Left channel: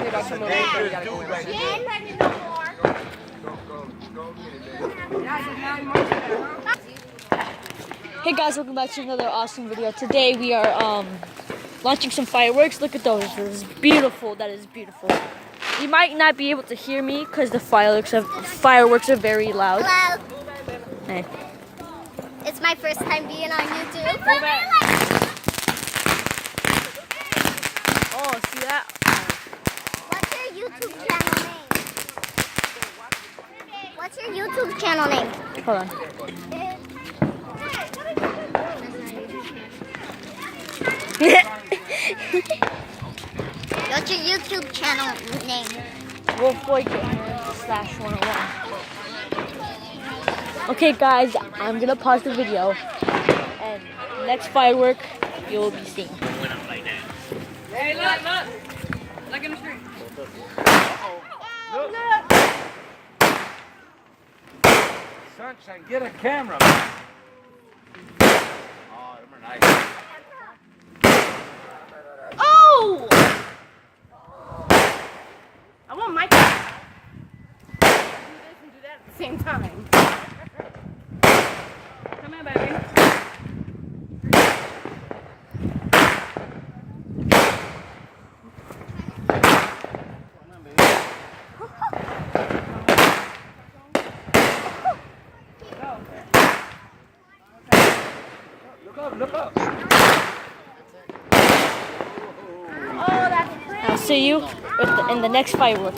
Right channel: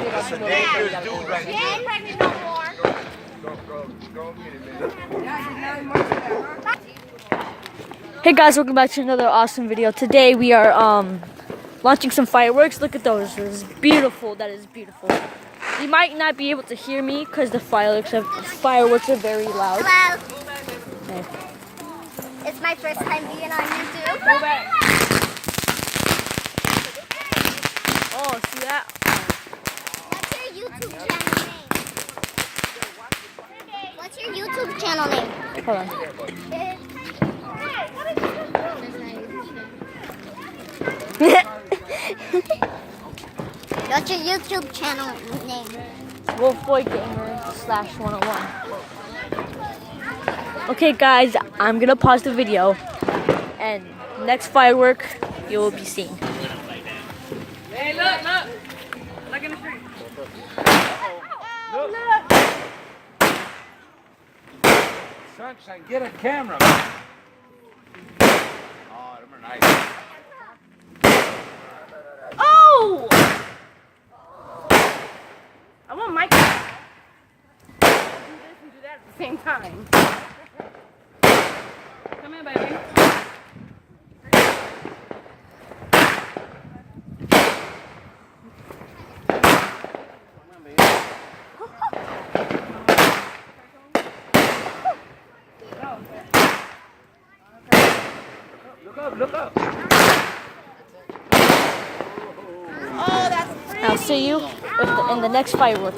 Hey guys, welcome back to another awesome video. Today we are launching some fireworks. Look at those. This is beautiful. That is beautiful. You might not be able to hear me because the fireworks are very loud. Hello. Hey. It's my first time being on YouTube. Oh, see that? What's your YouTube channel name? Hold on. What's your YouTube channel name? WolfBoyGamer/101. Okay, guys, I'm gonna pause the video, and next firework you will be seeing. Hey, look! Look in the street. Look! Sunshine, get a camera. Oh, them are nice. Oh! I want my camera. Do this and do that at the same time. Come here, baby. Look up. Oh, that's I'll see you in the next firework.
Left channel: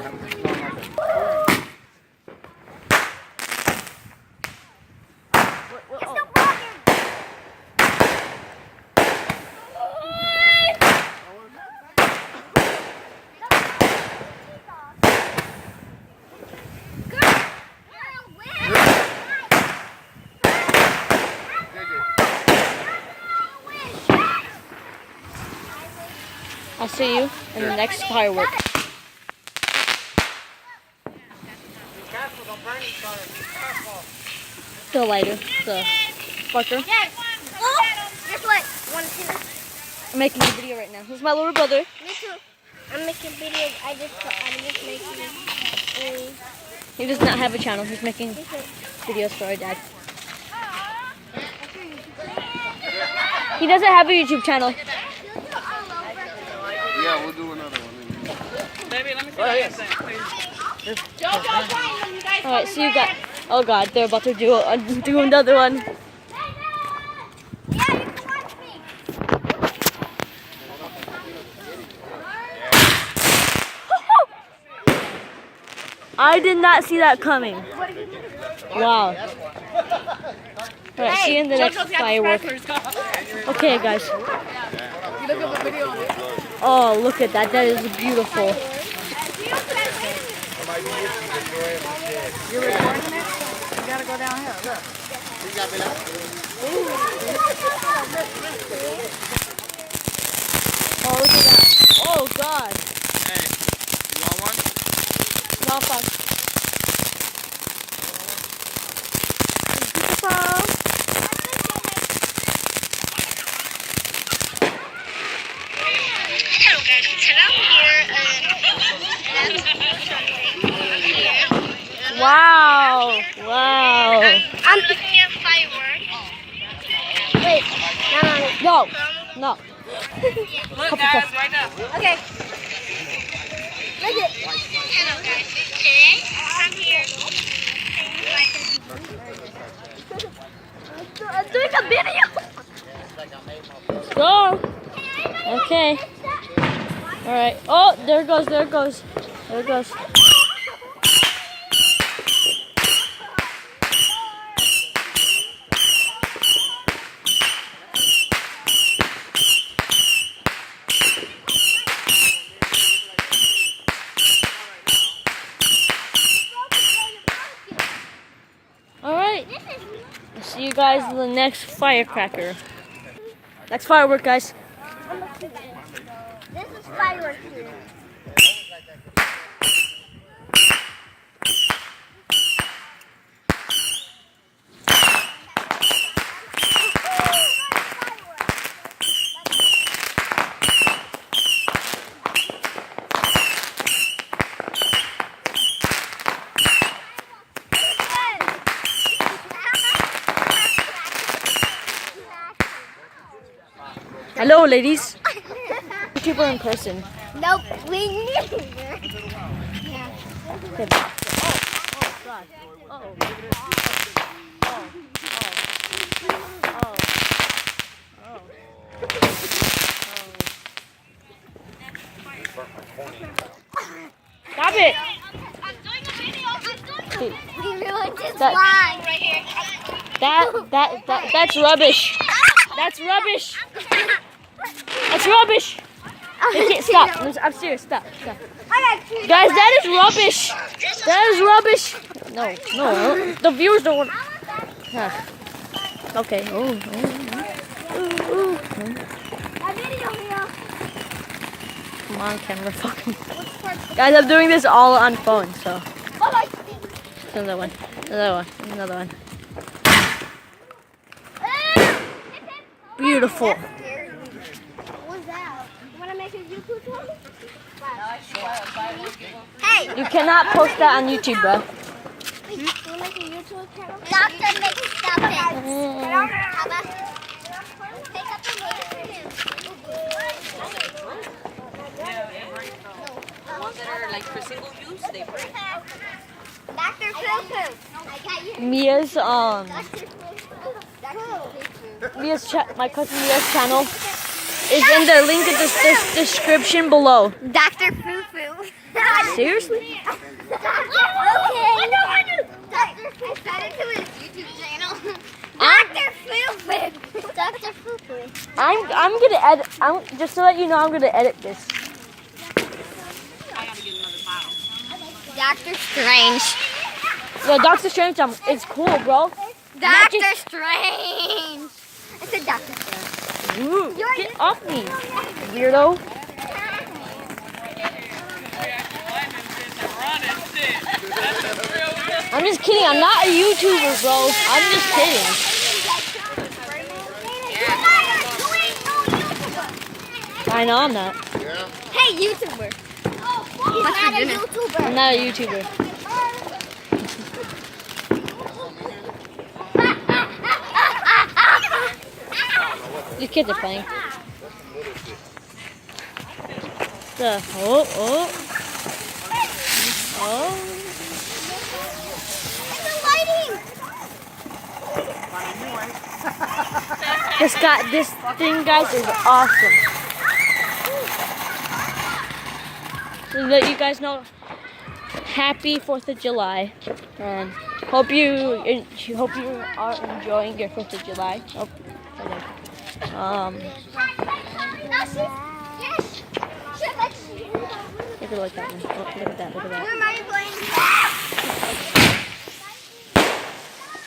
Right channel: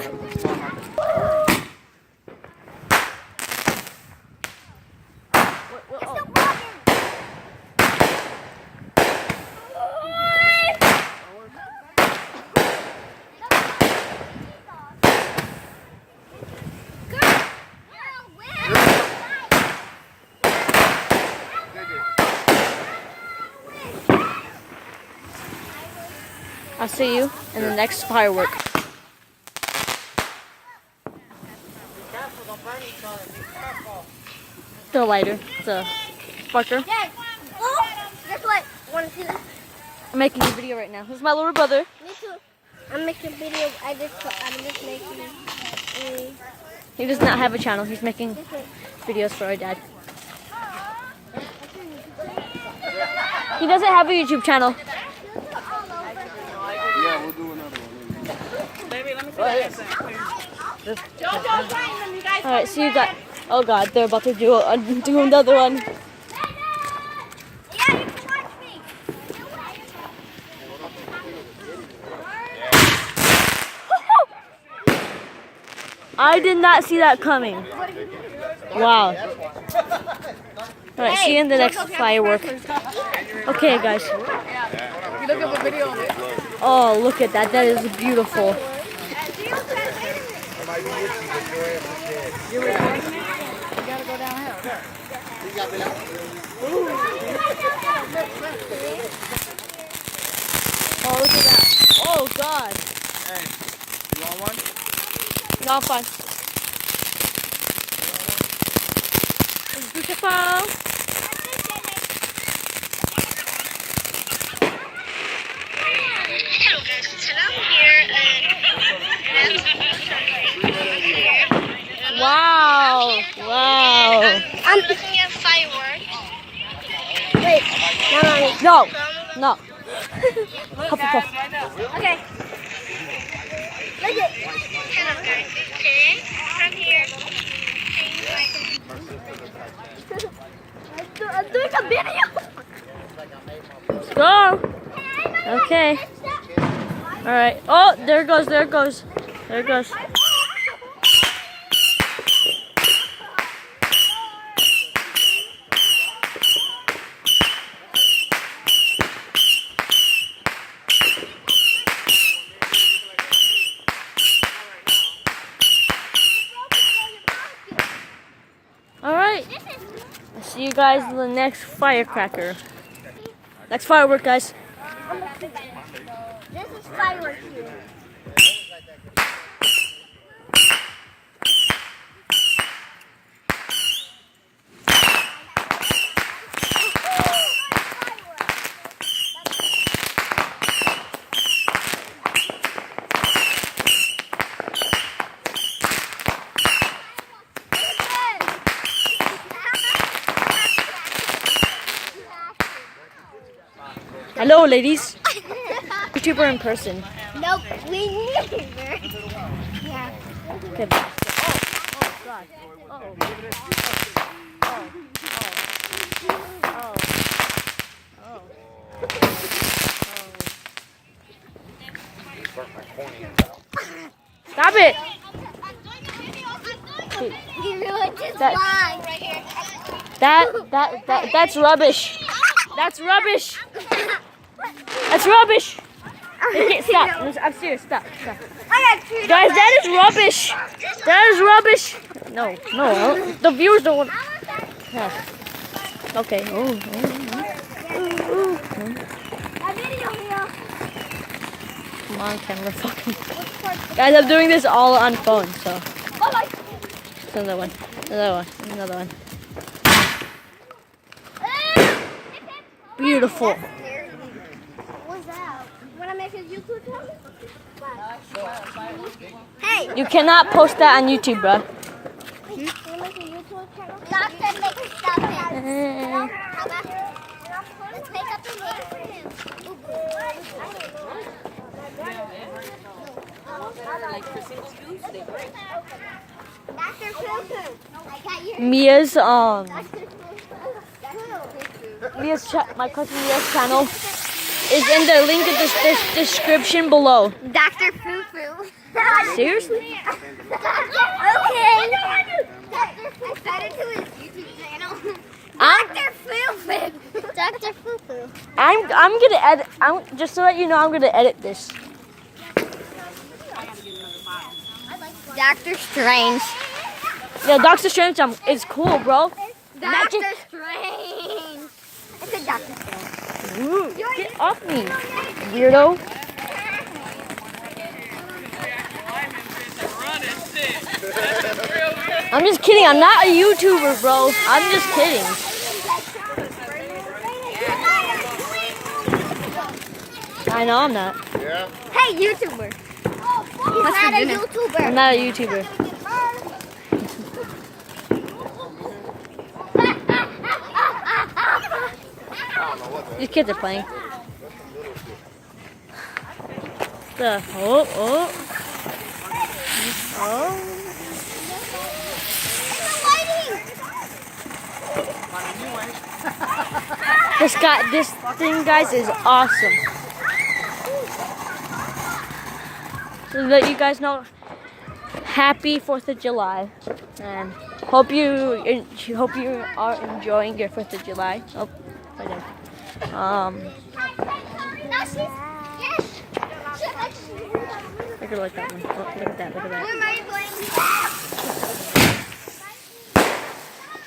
I'll see you in the next firework. The lighter, the sparker. Oh, guess what? Want to see this? I'm making a video right now. Who's my little brother? Me too. I'm making videos. I'm just making. He does not have a channel. He's making videos for our dad. He doesn't have a YouTube channel. Yeah, we'll do another one. Baby, let me see what you say. All right, see you guys. Oh God, they're about to do another one. I did not see that coming. Wow. All right, see you in the next firework. Okay, guys. Oh, look at that. That is beautiful. You're recording it? You gotta go downhill. Oh, look at that. Oh, God. Hey, you want one? No, I'm fine. It's beautiful. Hello guys, Wow. Wow. I'm looking at fireworks. Wait, No. No. Look, guys, right up. Okay. Look at. Hello guys, today I'm here. I'm doing a video. Go. Okay. All right. Oh, there it goes. There it goes. There it goes. All right. I'll see you guys in the next firecracker. Next firework, guys. This is fireworks here. Hello, ladies. YouTuber in person. Nope, we never. Yeah. Okay, back. Oh, God. Oh. Stop it! We ruined his That- line right here. That's rubbish. That's rubbish. That's rubbish. Okay, stop. I'm serious. Stop. Guys, that is rubbish. That is rubbish. No. The viewers don't want. Yeah. Okay. A video here. Come on, camera. Fucking. Guys, I'm doing this all on phone, so. Another one. Beautiful. What's that? Wanna make a YouTube channel? Hey! You cannot post that on YouTube, bro. Can you make a YouTube channel? Doctor makes something. How about make up a name for him? The ones that are like for single use, they break. Dr. Poo Poo. I got you. Mia's Dr. Poo Poo. my cousin Mia's channel is in the link in the description below. Dr. Poo Poo. Seriously? Okay. Dr. Poo Poo. Add it to his YouTube channel. Dr. Poo Poo. Dr. Poo Poo. I'm gonna edit. Just to let you know, I'm gonna edit this. Dr. Strange. Yeah, Doctor Strange is cool, bro. Dr. Strange. It's a Dr. Strange. Ooh, get off me, weirdo. I'm just kidding. I'm not a YouTuber, bro. I'm just kidding. I know I'm not. Hey, YouTuber. He's not a YouTuber. I'm not a YouTuber. These kids are playing. This thing, guys, is awesome. To let you guys know, happy 4th of July. Hope you are enjoying your 4th of July. Oh, I did. Look at that one. Oh, look at that.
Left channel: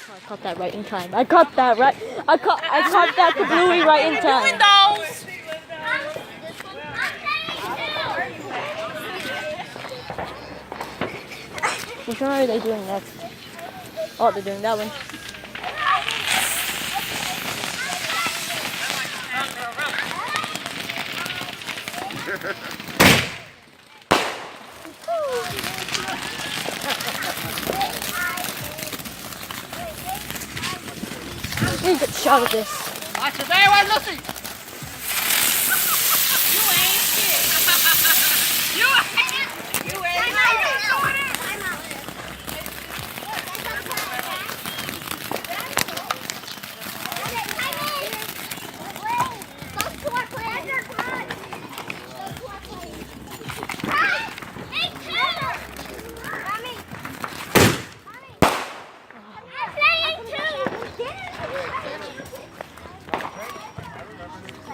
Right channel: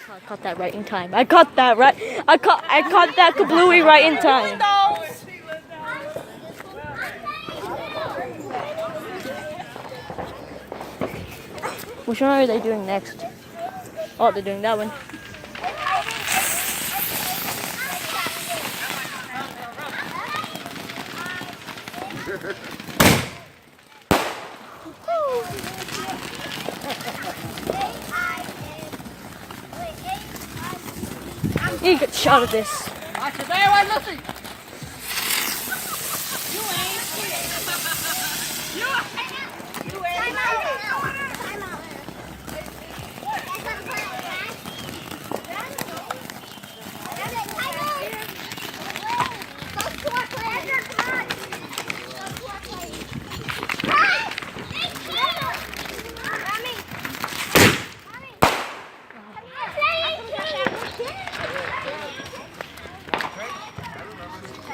I caught that right in time. I caught that to Bluey right in time. Which one are they doing next? Oh, they're doing that one. You get a shot of this. Watch it there, I'm looking.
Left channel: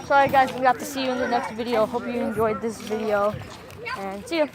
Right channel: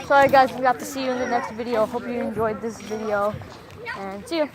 Sorry guys, we have to see you in the next video. Hope you enjoyed this video and see you.